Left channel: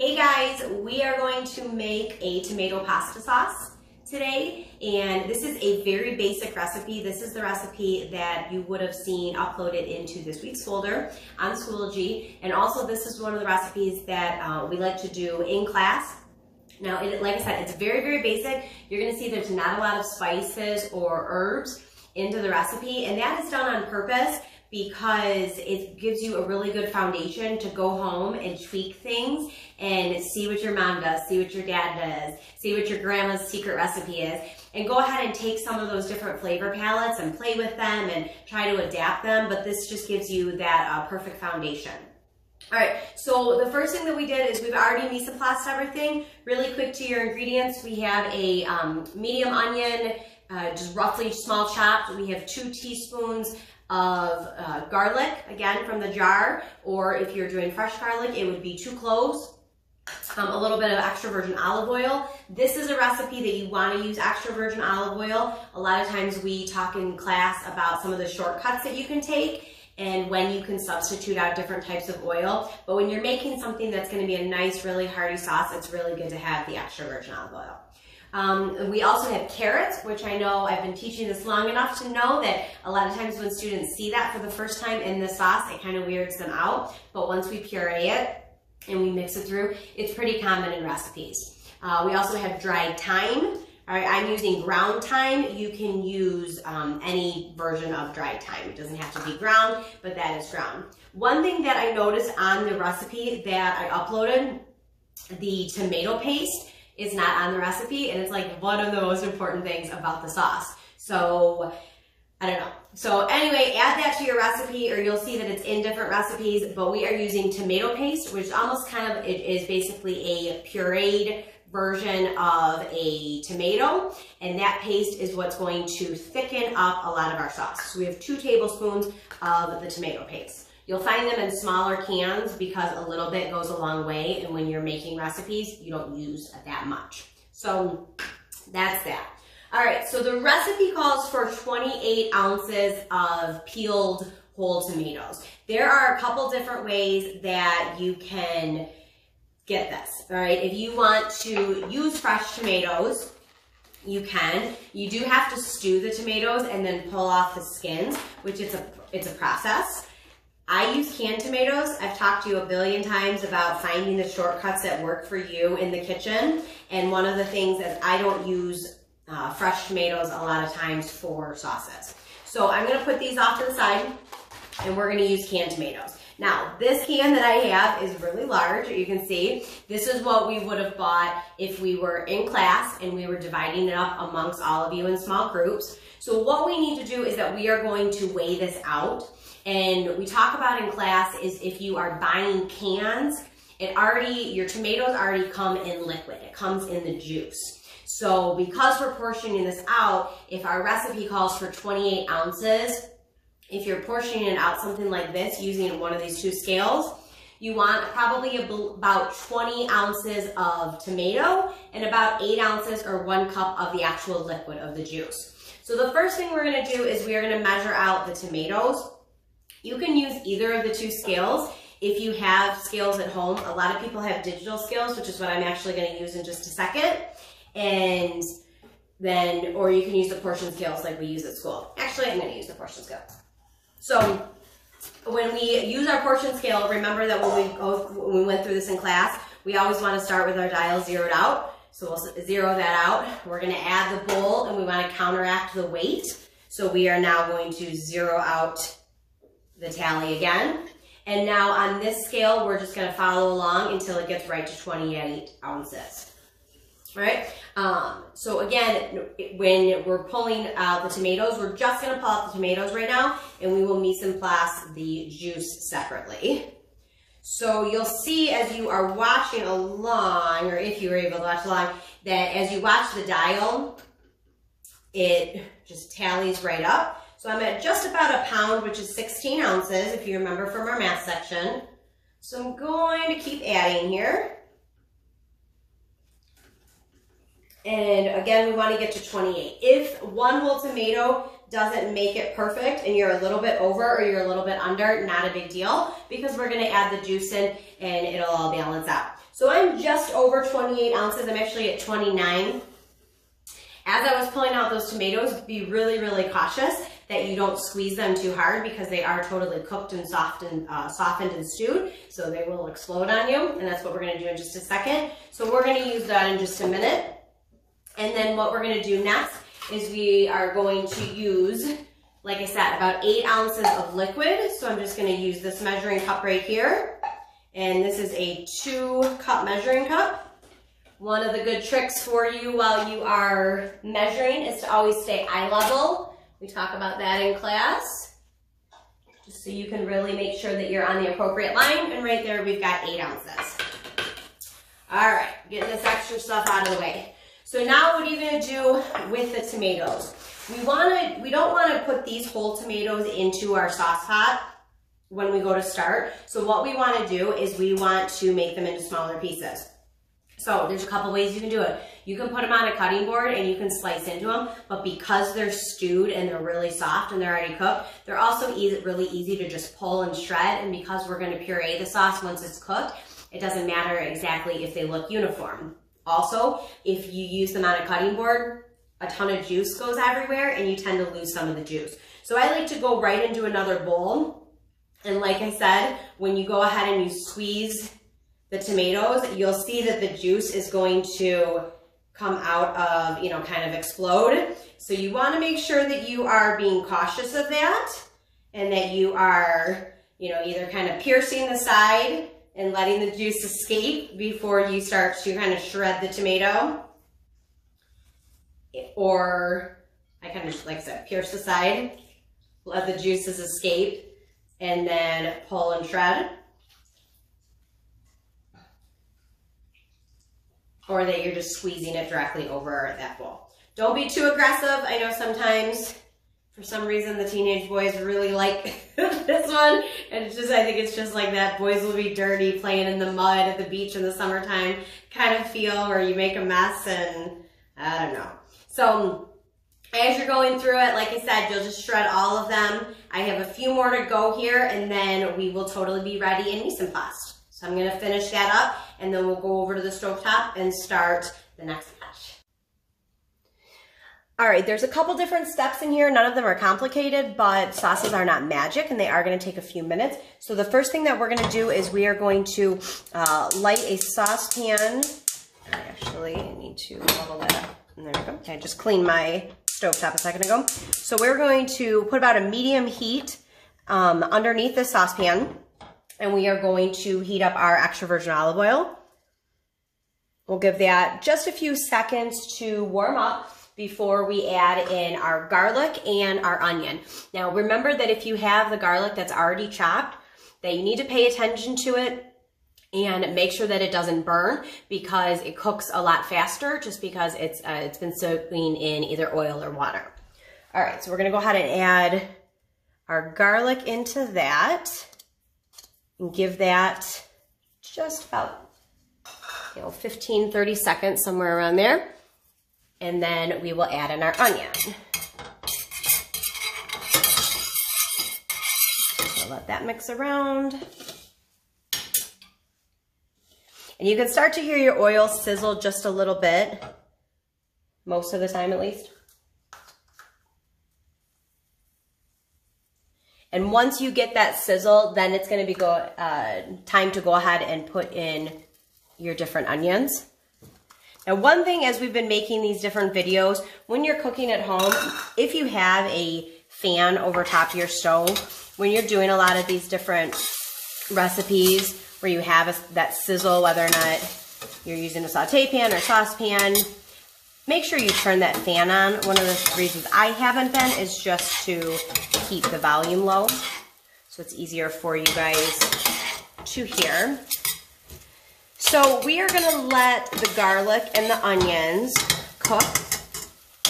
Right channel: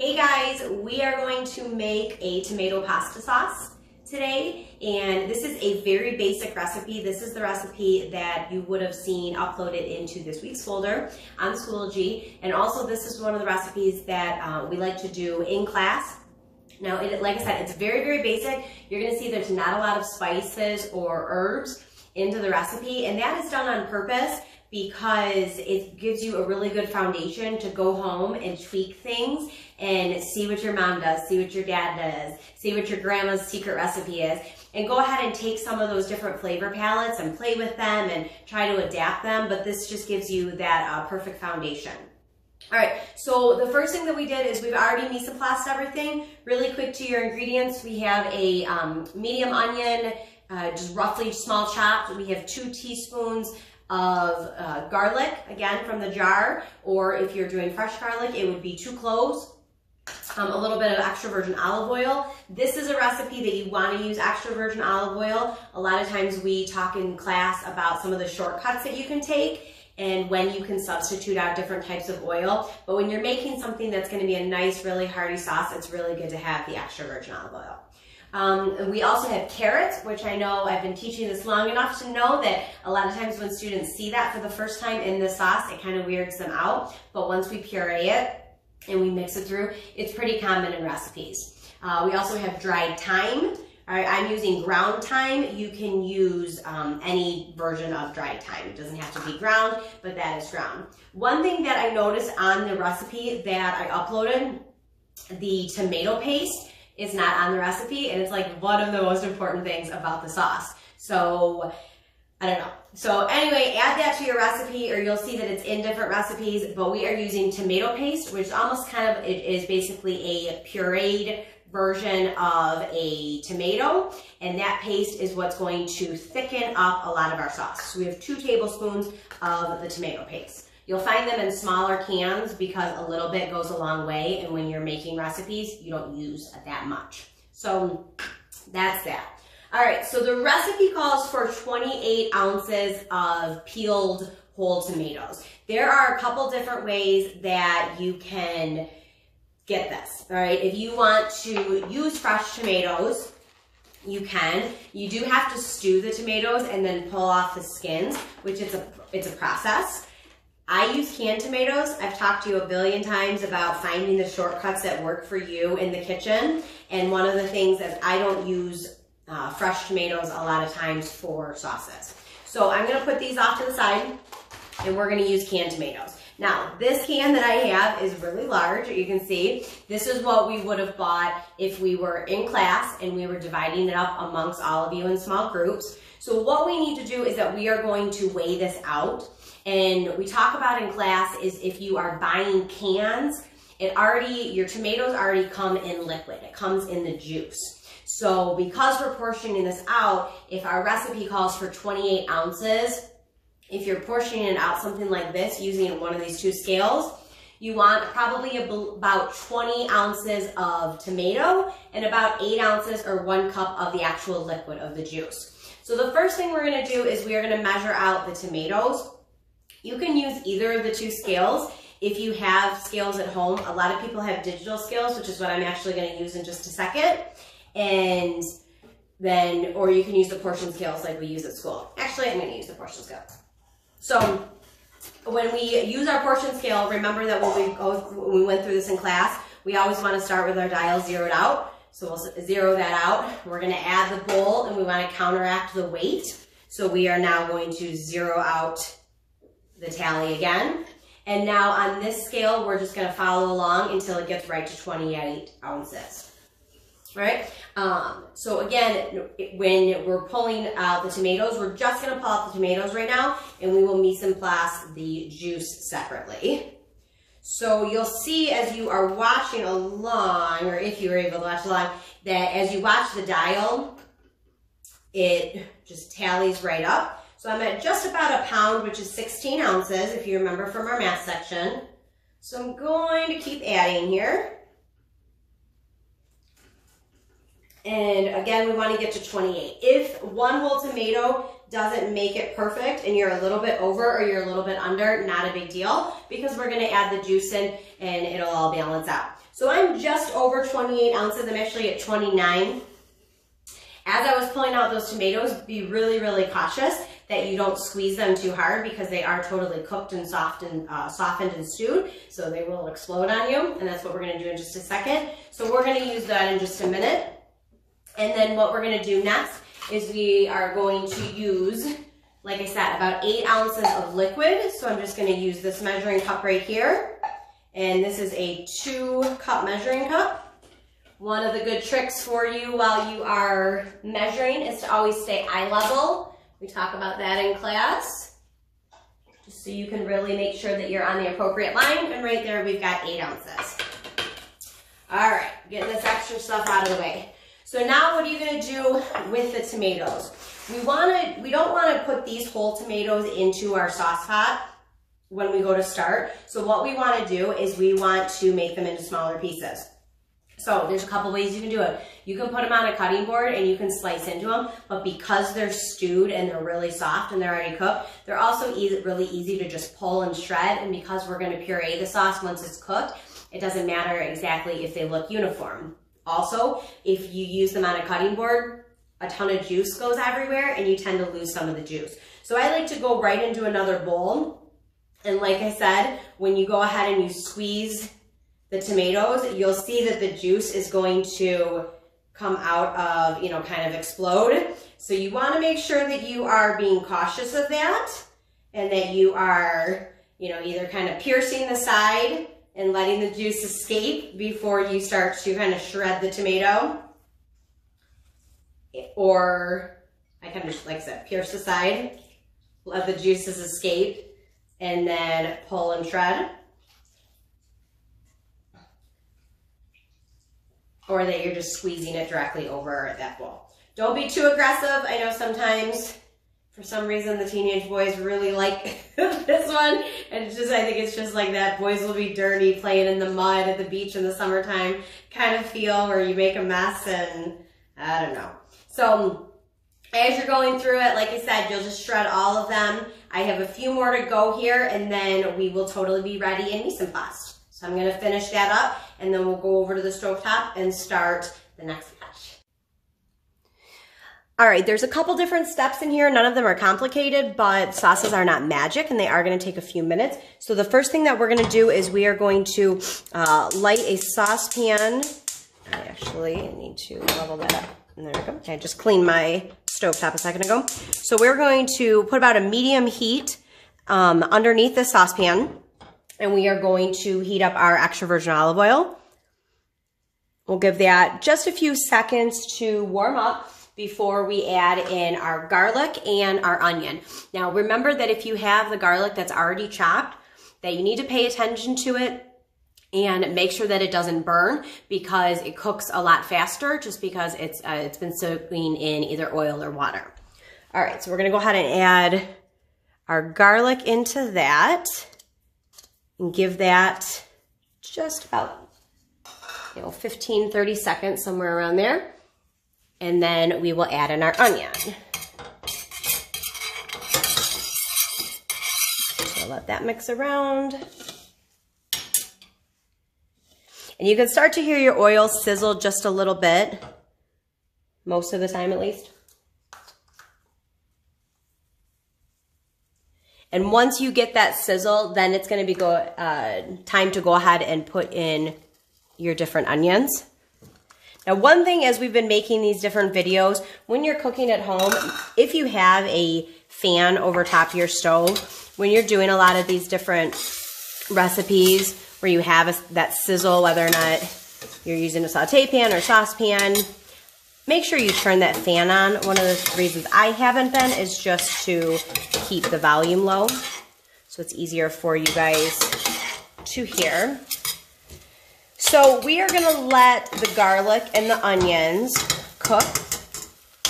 Hey guys, we are going to make a tomato pasta sauce today, and this is a very basic recipe. This is the recipe that you would have seen uploaded into this week's folder on Schoology, and also this is one of the recipes that we like to do in class. Now, like I said, it's very, very basic. You're gonna see there's not a lot of spices or herbs into the recipe, and that is done on purpose because it gives you a really good foundation to go home and tweak things and see what your mom does, see what your dad does, see what your grandma's secret recipe is, and go ahead and take some of those different flavor palettes and play with them and try to adapt them, but this just gives you that perfect foundation. All right, so the first thing that we did is we've already mise en place everything. Really quick to your ingredients, we have a medium onion, just roughly small chopped. We have 2 teaspoons of garlic, again from the jar, or if you're doing fresh garlic, it would be 2 cloves, a little bit of extra virgin olive oil. This is a recipe that you want to use extra virgin olive oil. A lot of times we talk in class about some of the shortcuts that you can take and when you can substitute out different types of oil. But when you're making something that's going to be a nice, really hearty sauce, it's really good to have the extra virgin olive oil. We also have carrots, which I know I've been teaching this long enough to know that a lot of times when students see that for the first time in the sauce, it kind of weirds them out. But once we puree it and we mix it through, it's pretty common in recipes. We also have dried thyme. All right, I'm using ground thyme. You can use any version of dried thyme. It doesn't have to be ground, but that is ground. One thing that I noticed on the recipe that I uploaded, the tomato paste is not on the recipe, and it's like one of the most important things about the sauce. So, I don't know. So anyway, add that to your recipe, or you'll see that it's in different recipes, but we are using tomato paste, which almost kind of, it is basically a pureed version of a tomato, and that paste is what's going to thicken up a lot of our sauce. So we have 2 tablespoons of the tomato paste. You'll find them in smaller cans because a little bit goes a long way, and when you're making recipes, you don't use that much. So that's that. All right, so the recipe calls for 28 ounces of peeled whole tomatoes. There are a couple different ways that you can get this, all right? If you want to use fresh tomatoes, you can. You do have to stew the tomatoes and then pull off the skins, which it's a process. I use canned tomatoes. I've talked to you a billion times about finding the shortcuts that work for you in the kitchen. And one of the things is I don't use fresh tomatoes a lot of times for sauces. So I'm gonna put these off to the side and we're gonna use canned tomatoes. Now, this can that I have is really large, you can see. This is what we would have bought if we were in class and we were dividing it up amongst all of you in small groups. So what we need to do is that we are going to weigh this out. And we talk about in class is if you are buying cans, your tomatoes already come in liquid. It comes in the juice. So because we're portioning this out, if our recipe calls for 28 ounces, if you're portioning it out something like this using one of these 2 scales, you want probably about 20 ounces of tomato and about 8 ounces or 1 cup of the actual liquid of the juice. So the first thing we're gonna do is we are gonna measure out the tomatoes. You can use either of the 2 scales if you have scales at home. A lot of people have digital scales, which is what I'm actually going to use in just a second. And then, or you can use the portion scales like we use at school. Actually, I'm going to use the portion scale. So when we use our portion scale, remember that when we went through this in class, we always want to start with our dial zeroed out. So we'll zero that out. We're going to add the bowl and we want to counteract the weight. So we are now going to zero out the tally again. And now on this scale, we're just gonna follow along until it gets right to 28 ounces, right? So again, when we're pulling out the tomatoes, we're just gonna pull out the tomatoes right now, and we will mise en place the juice separately. So you'll see as you are watching along, or if you were able to watch along, that as you watch the dial, it just tallies right up. So I'm at just about a pound, which is 16 ounces, if you remember from our math section. So I'm going to keep adding here. And again, we want to get to 28. If 1 whole tomato doesn't make it perfect and you're a little bit over or you're a little bit under, not a big deal, because we're going to add the juice in and it'll all balance out. So I'm just over 28 ounces. I'm actually at 29. As I was pulling out those tomatoes, be really, really cautious that you don't squeeze them too hard because they are totally cooked and softened and stewed, so they will explode on you, and that's what we're gonna do in just a second. So we're gonna use that in just a minute. And then what we're gonna do next is we are going to use, like I said, about 8 ounces of liquid. So I'm just gonna use this measuring cup right here. And this is a 2-cup measuring cup. One of the good tricks for you while you are measuring is to always stay eye level. We talk about that in class, just so you can really make sure that you're on the appropriate line. And right there, we've got 8 ounces. All right, getting this extra stuff out of the way. So now what are you gonna do with the tomatoes? We don't wanna put these whole tomatoes into our sauce pot when we go to start. So what we wanna do is we want to make them into smaller pieces. So there's a couple ways you can do it. You can put them on a cutting board and you can slice into them, but because they're stewed and they're really soft and they're already cooked, they're also really easy to just pull and shred. And because we're gonna puree the sauce once it's cooked, it doesn't matter exactly if they look uniform. Also, if you use them on a cutting board, a ton of juice goes everywhere and you tend to lose some of the juice. So I like to go right into another bowl. And like I said, when you go ahead and you squeeze the tomatoes, you'll see that the juice is going to come out of, kind of explode. So you want to make sure that you are being cautious of that and that you are, either kind of piercing the side and letting the juice escape before you start to kind of shred the tomato. Or I kind of just, like I said, pierce the side, let the juices escape, and then pull and shred. Or that you're just squeezing it directly over that bowl. Don't be too aggressive. I know sometimes, for some reason, the teenage boys really like this one. And I think it's just like that. Boys will be dirty playing in the mud at the beach in the summertime kind of feel where you make a mess and I don't know. So as you're going through it, like I said, you'll just shred all of them. I have a few more to go here and then we will totally be ready in mise en place. So I'm gonna finish that up and then we'll go over to the stovetop and start the next batch. All right, there's a couple different steps in here. None of them are complicated, but sauces are not magic and they are gonna take a few minutes. So the first thing that we're gonna do is we are going to light a saucepan. I actually need to level that up. And there we go. Okay, I just cleaned my stovetop a second ago. So we're going to put about a medium heat underneath the saucepan. And we are going to heat up our extra virgin olive oil. We'll give that just a few seconds to warm up before we add in our garlic and our onion. Now remember that if you have the garlic that's already chopped, that you need to pay attention to it and make sure that it doesn't burn because it cooks a lot faster just because it's been soaking in either oil or water. All right, so we're gonna go ahead and add our garlic into that. And give that just about, 15, 30 seconds, somewhere around there. And then we will add in our onion. So let that mix around. And you can start to hear your oil sizzle just a little bit, most of the time at least. And once you get that sizzle, then it's gonna be time to go ahead and put in your different onions. Now, one thing as we've been making these different videos, when you're cooking at home, if you have a fan over top of your stove, when you're doing a lot of these different recipes where you have that sizzle, whether or not you're using a saute pan or saucepan, make sure you turn that fan on. One of the reasons I haven't been is just to keep the volume low so it's easier for you guys to hear. So we are gonna let the garlic and the onions cook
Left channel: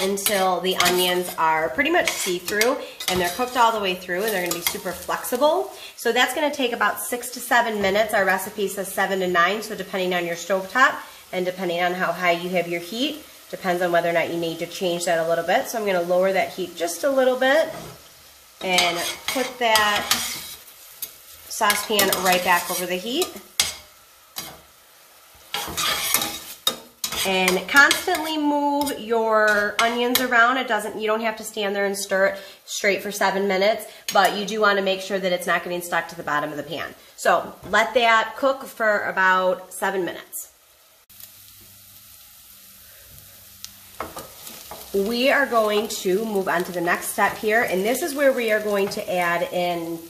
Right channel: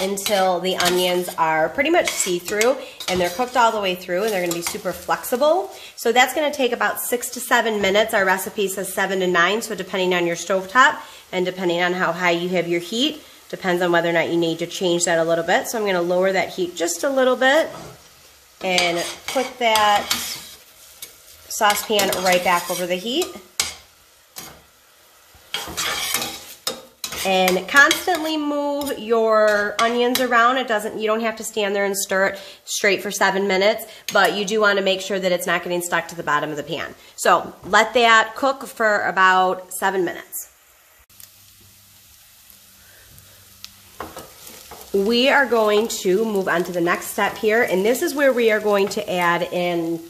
until the onions are pretty much see-through and they're cooked all the way through and they're gonna be super flexible. So that's gonna take about 6 to 7 minutes. Our recipe says 7 to 9, so depending on your stovetop and depending on how high you have your heat, depends on whether or not you need to change that a little bit. So I'm gonna lower that heat just a little bit and put that saucepan right back over the heat. And constantly move your onions around. You don't have to stand there and stir it straight for 7 minutes, but you do want to make sure that it's not getting stuck to the bottom of the pan. So let that cook for about 7 minutes. We are going to move on to the next step here, and this is where we are going to add in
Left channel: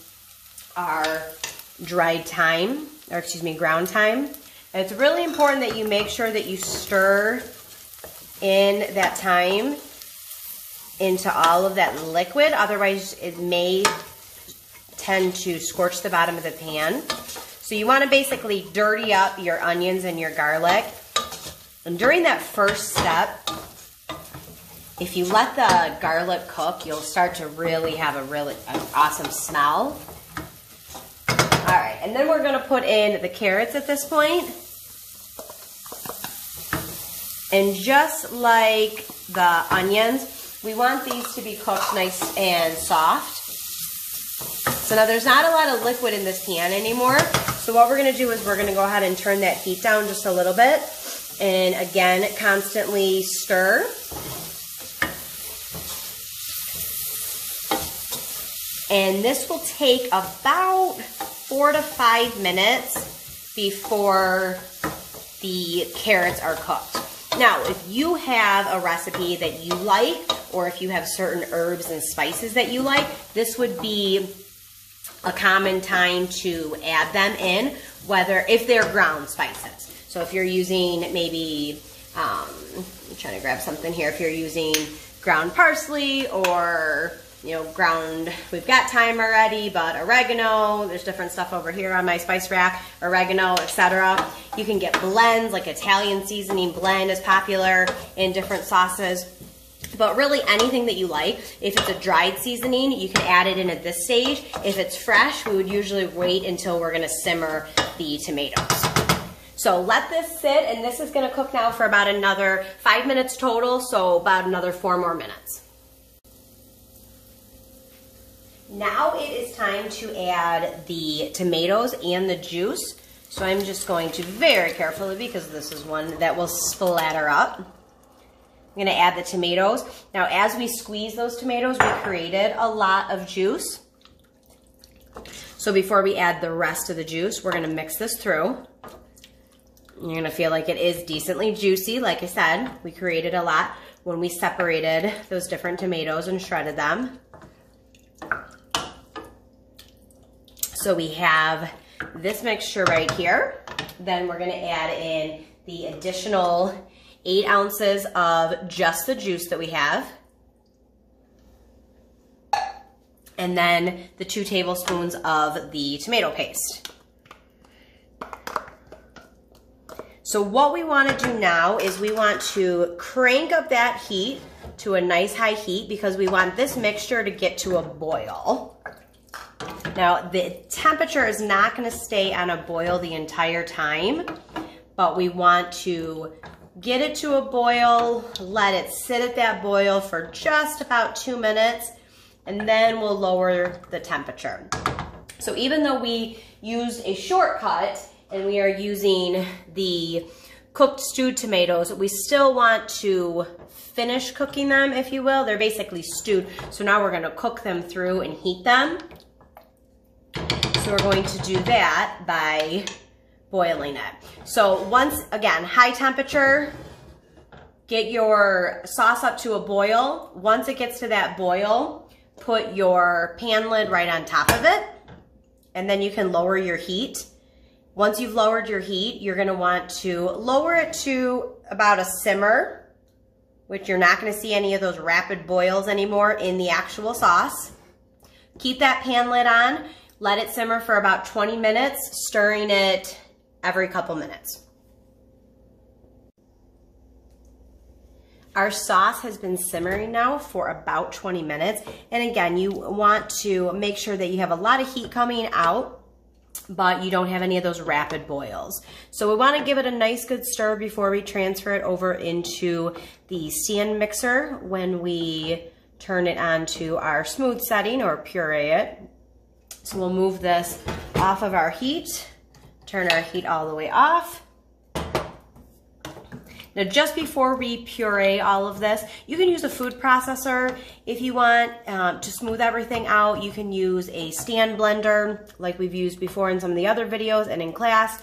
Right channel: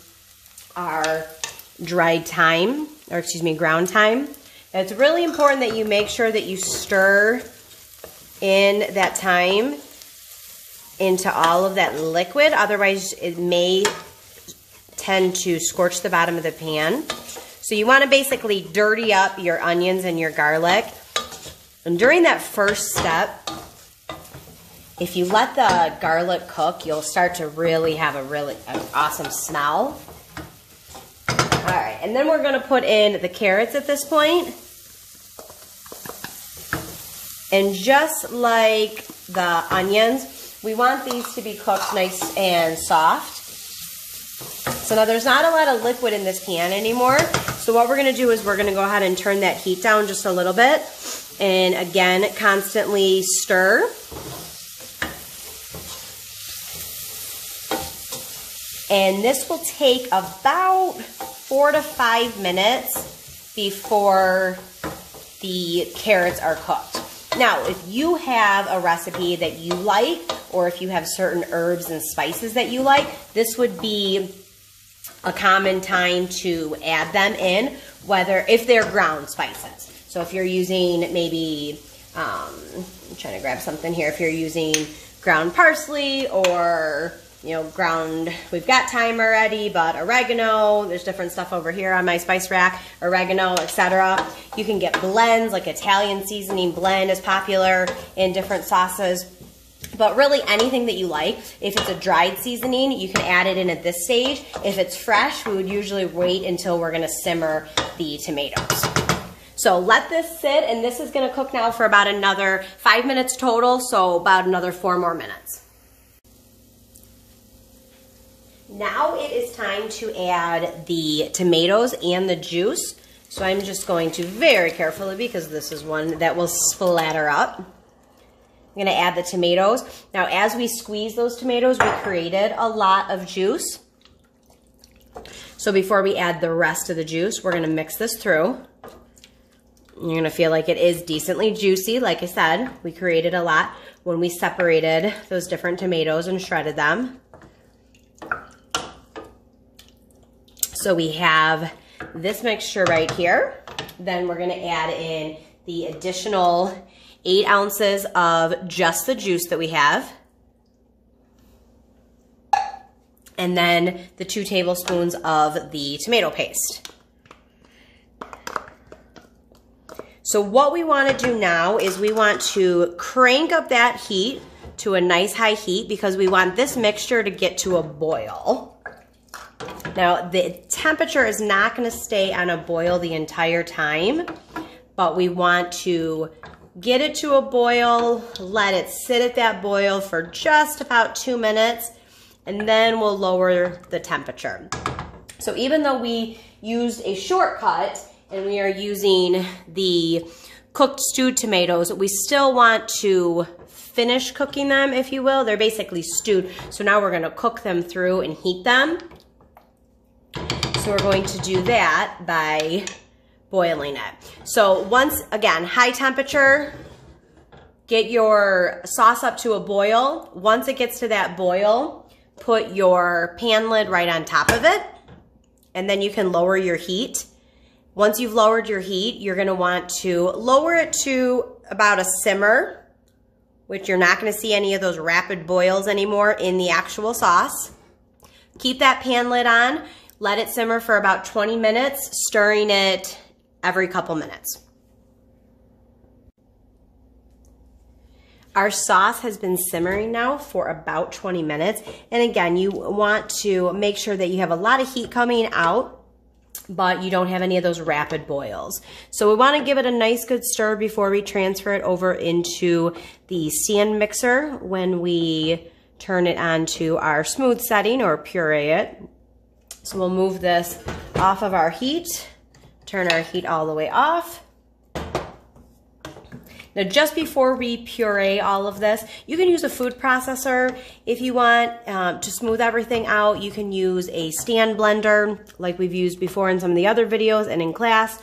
our dried thyme, or excuse me, ground thyme. And it's really important that you make sure that you stir in that thyme into all of that liquid, otherwise it may tend to scorch the bottom of the pan. So you want to basically dirty up your onions and your garlic. And during that first step, if you let the garlic cook, you'll start to really have an awesome smell. All right, and then we're gonna put in the carrots at this point. And just like the onions, we want these to be cooked nice and soft. So now there's not a lot of liquid in this pan anymore. So what we're gonna do is we're gonna go ahead and turn that heat down just a little bit. And again, constantly stir. And this will take about 4 to 5 minutes before the carrots are cooked. Now, if you have a recipe that you like, or if you have certain herbs and spices that you like, this would be a common time to add them in, if they're ground spices. So if you're using maybe, I'm trying to grab something here, if you're using ground parsley or we've got thyme already, but oregano, there's different stuff over here on my spice rack, oregano, etc. You can get blends, like Italian seasoning blend is popular in different sauces. But really anything that you like. If it's a dried seasoning, you can add it in at this stage. If it's fresh, we would usually wait until we're gonna simmer the tomatoes. So let this sit, and this is gonna cook now for about another 5 minutes total, so about another 4 more minutes. Now it is time to add the tomatoes and the juice. So I'm just going to very carefully, because this is one that will splatter up. I'm gonna add the tomatoes. Now as we squeeze those tomatoes, we created a lot of juice. So before we add the rest of the juice, we're gonna mix this through. You're gonna feel like it is decently juicy. Like I said, we created a lot when we separated those different tomatoes and shredded them. So we have this mixture right here. Then we're gonna add in the additional 8 ounces of just the juice that we have. And then the 2 tablespoons of the tomato paste. So what we wanna do now is we want to crank up that heat to a nice high heat, because we want this mixture to get to a boil. Now, the temperature is not gonna stay on a boil the entire time, but we want to get it to a boil, let it sit at that boil for just about 2 minutes, and then we'll lower the temperature. So even though we used a shortcut and we are using the cooked stewed tomatoes, we still want to finish cooking them, if you will. They're basically stewed, so now we're gonna cook them through and heat them. So we're going to do that by boiling it. So once again, high temperature, get your sauce up to a boil. Once it gets to that boil, put your pan lid right on top of it, and then you can lower your heat. Once you've lowered your heat, you're gonna want to lower it to about a simmer, which you're not gonna see any of those rapid boils anymore in the actual sauce. Keep that pan lid on. Let it simmer for about 20 minutes, stirring it every couple minutes. Our sauce has been simmering now for about 20 minutes. And again, you want to make sure that you have a lot of heat coming out, but you don't have any of those rapid boils. So we want to give it a nice good stir before we transfer it over into the stand mixer when we turn it onto our smooth setting or puree it. So we'll move this off of our heat, turn our heat all the way off. Now, just before we puree all of this, you can use a food processor if you want to smooth everything out. You can use a stand blender like we've used before in some of the other videos and in class.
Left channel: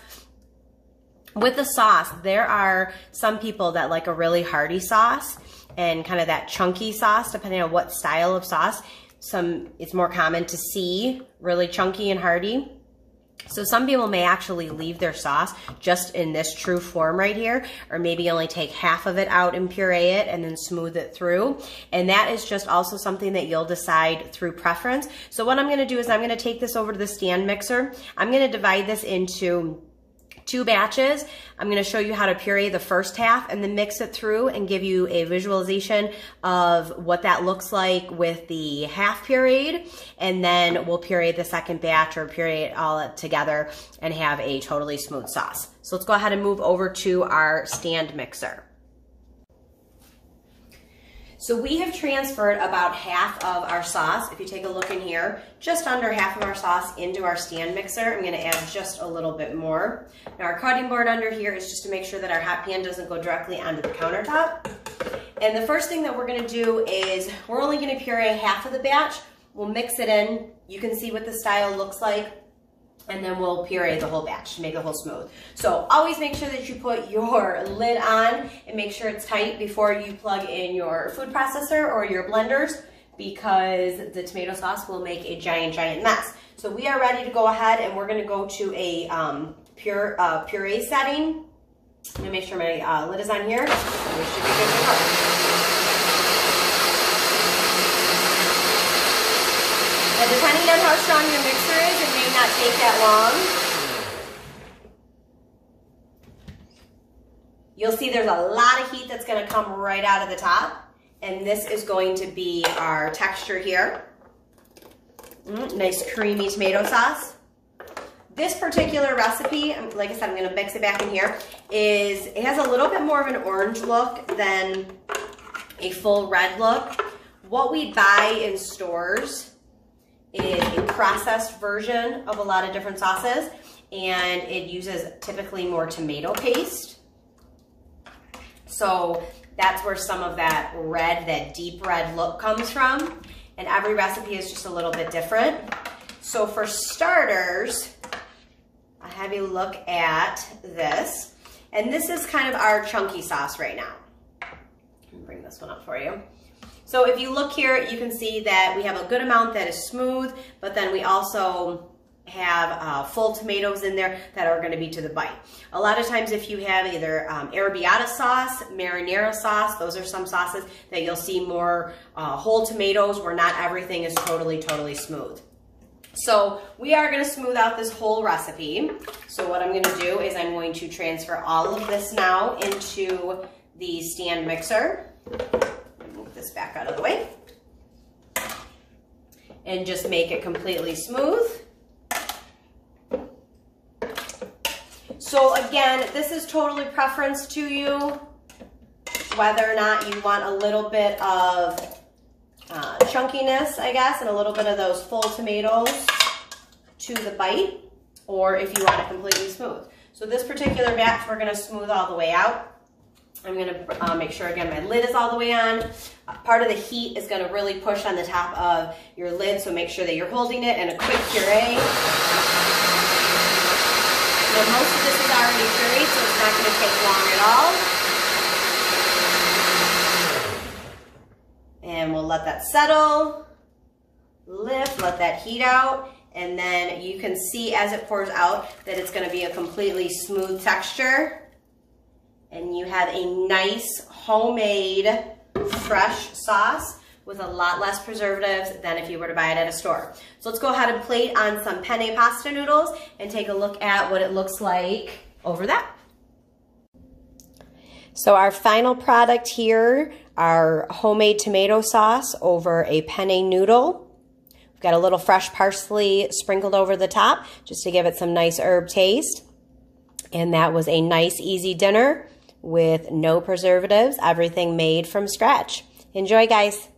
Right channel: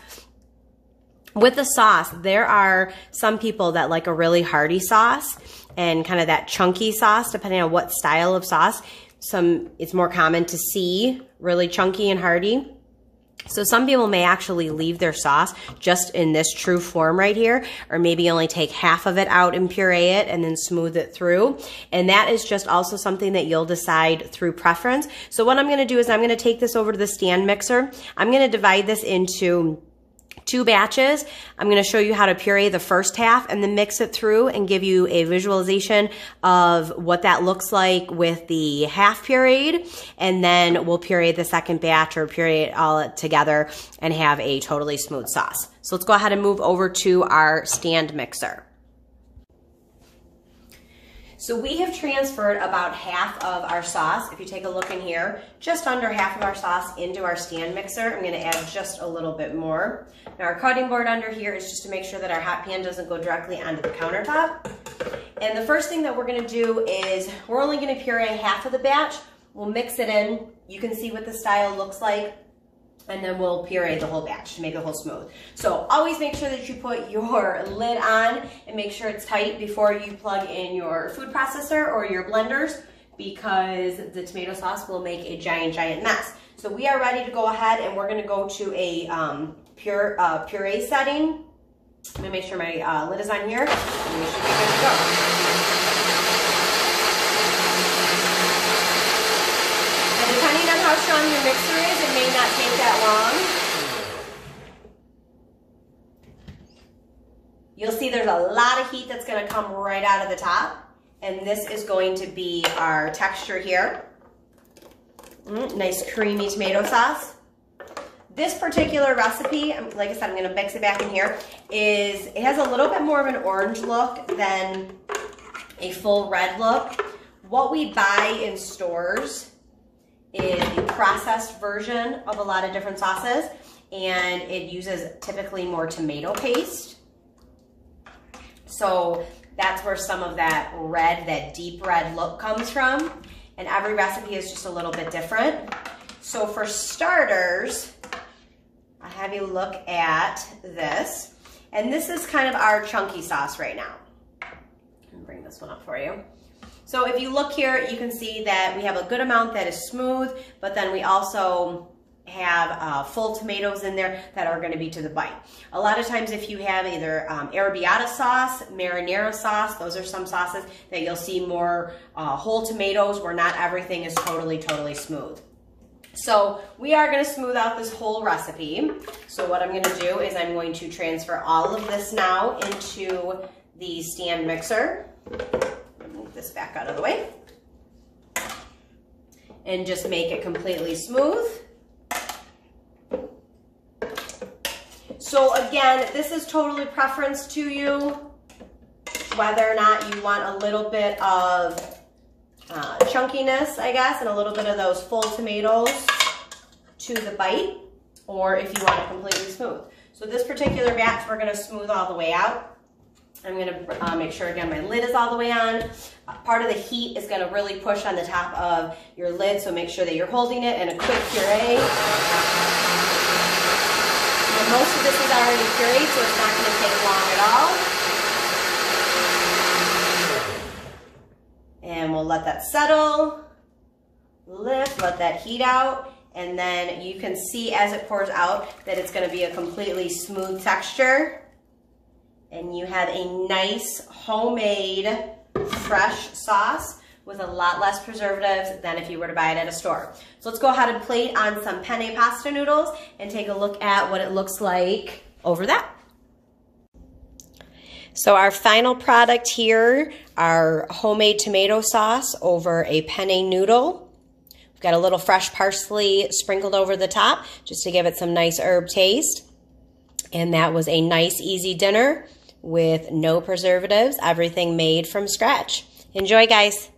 With the sauce, there are some people that like a really hearty sauce and kind of that chunky sauce, depending on what style of sauce. It's more common to see really chunky and hearty. So some people may actually leave their sauce just in this true form right here, or maybe only take half of it out and puree it and then smooth it through. And that is just also something that you'll decide through preference. So what I'm gonna do is I'm gonna take this over to the stand mixer. I'm gonna divide this into 2 batches. I'm going to show you how to puree the first half and then mix it through and give you a visualization of what that looks like with the half pureed. And then we'll puree the second batch or puree it all together and have a totally smooth sauce. So let's go ahead and move over to our stand mixer. So we have transferred about half of our sauce, if you take a look in here, just under half of our sauce into our stand mixer. I'm gonna add just a little bit more. Now our cutting board under here is just to make sure that our hot pan doesn't go directly onto the countertop. And the first thing that we're gonna do is we're only gonna puree half of the batch. We'll mix it in. You can see what the style looks like. And then we'll puree the whole batch to make the whole smooth. So always make sure that you put your lid on and make sure it's tight before you plug in your food processor or your blenders, because the tomato sauce will make a giant, giant mess. So we are ready to go ahead and we're gonna go to a puree setting. Let me make sure my lid is on here. And we should be good to go. Now, depending on how strong your mixer is, it may not take that long. You'll see there's a lot of heat that's going to come right out of the top, and this is going to be our texture here. Nice creamy tomato sauce. This particular recipe, like I said, I'm going to mix it back in here, it has a little bit more of an orange look than a full red look. What we buy in stores is a processed version of a lot of different sauces, and it uses typically more tomato paste. So that's where some of that red, that deep red look comes from, and every recipe is just a little bit different. So for starters, I have you look at this, and this is kind of our chunky sauce right now. Let me bring this one up for you. So if you look here, you can see that we have a good amount that is smooth, but then we also have full tomatoes in there that are going to be to the bite. A lot of times if you have either arrabbiata sauce, marinara sauce, those are some sauces that you'll see more whole tomatoes where not everything is totally smooth. So we are going to smooth out this whole recipe. So what I'm going to do is I'm going to transfer all of this now into the stand mixer. Move this back out of the way and just make it completely smooth. So again, this is totally preference to you, whether or not you want a little bit of chunkiness, I guess, and a little bit of those full tomatoes to the bite, or if you want it completely smooth. So this particular batch, we're gonna smooth all the way out. I'm gonna make sure, again, my lid is all the way on. Part of the heat is gonna really push on the top of your lid, so make sure that you're holding it in a quick puree. And most of this is already pureed, so it's not gonna take long at all. And we'll let that settle, lift, let that heat out, and then you can see as it pours out that it's gonna be a completely smooth texture. And you have a nice homemade fresh sauce with a lot less preservatives than if you were to buy it at a store. So let's go ahead and plate on some penne pasta noodles and take a look at what it looks like over that. So our final product here, our homemade tomato sauce over a penne noodle. We've got a little fresh parsley sprinkled over the top just to give it some nice herb taste. And that was a nice, easy dinner with no preservatives, everything made from scratch. Enjoy, guys.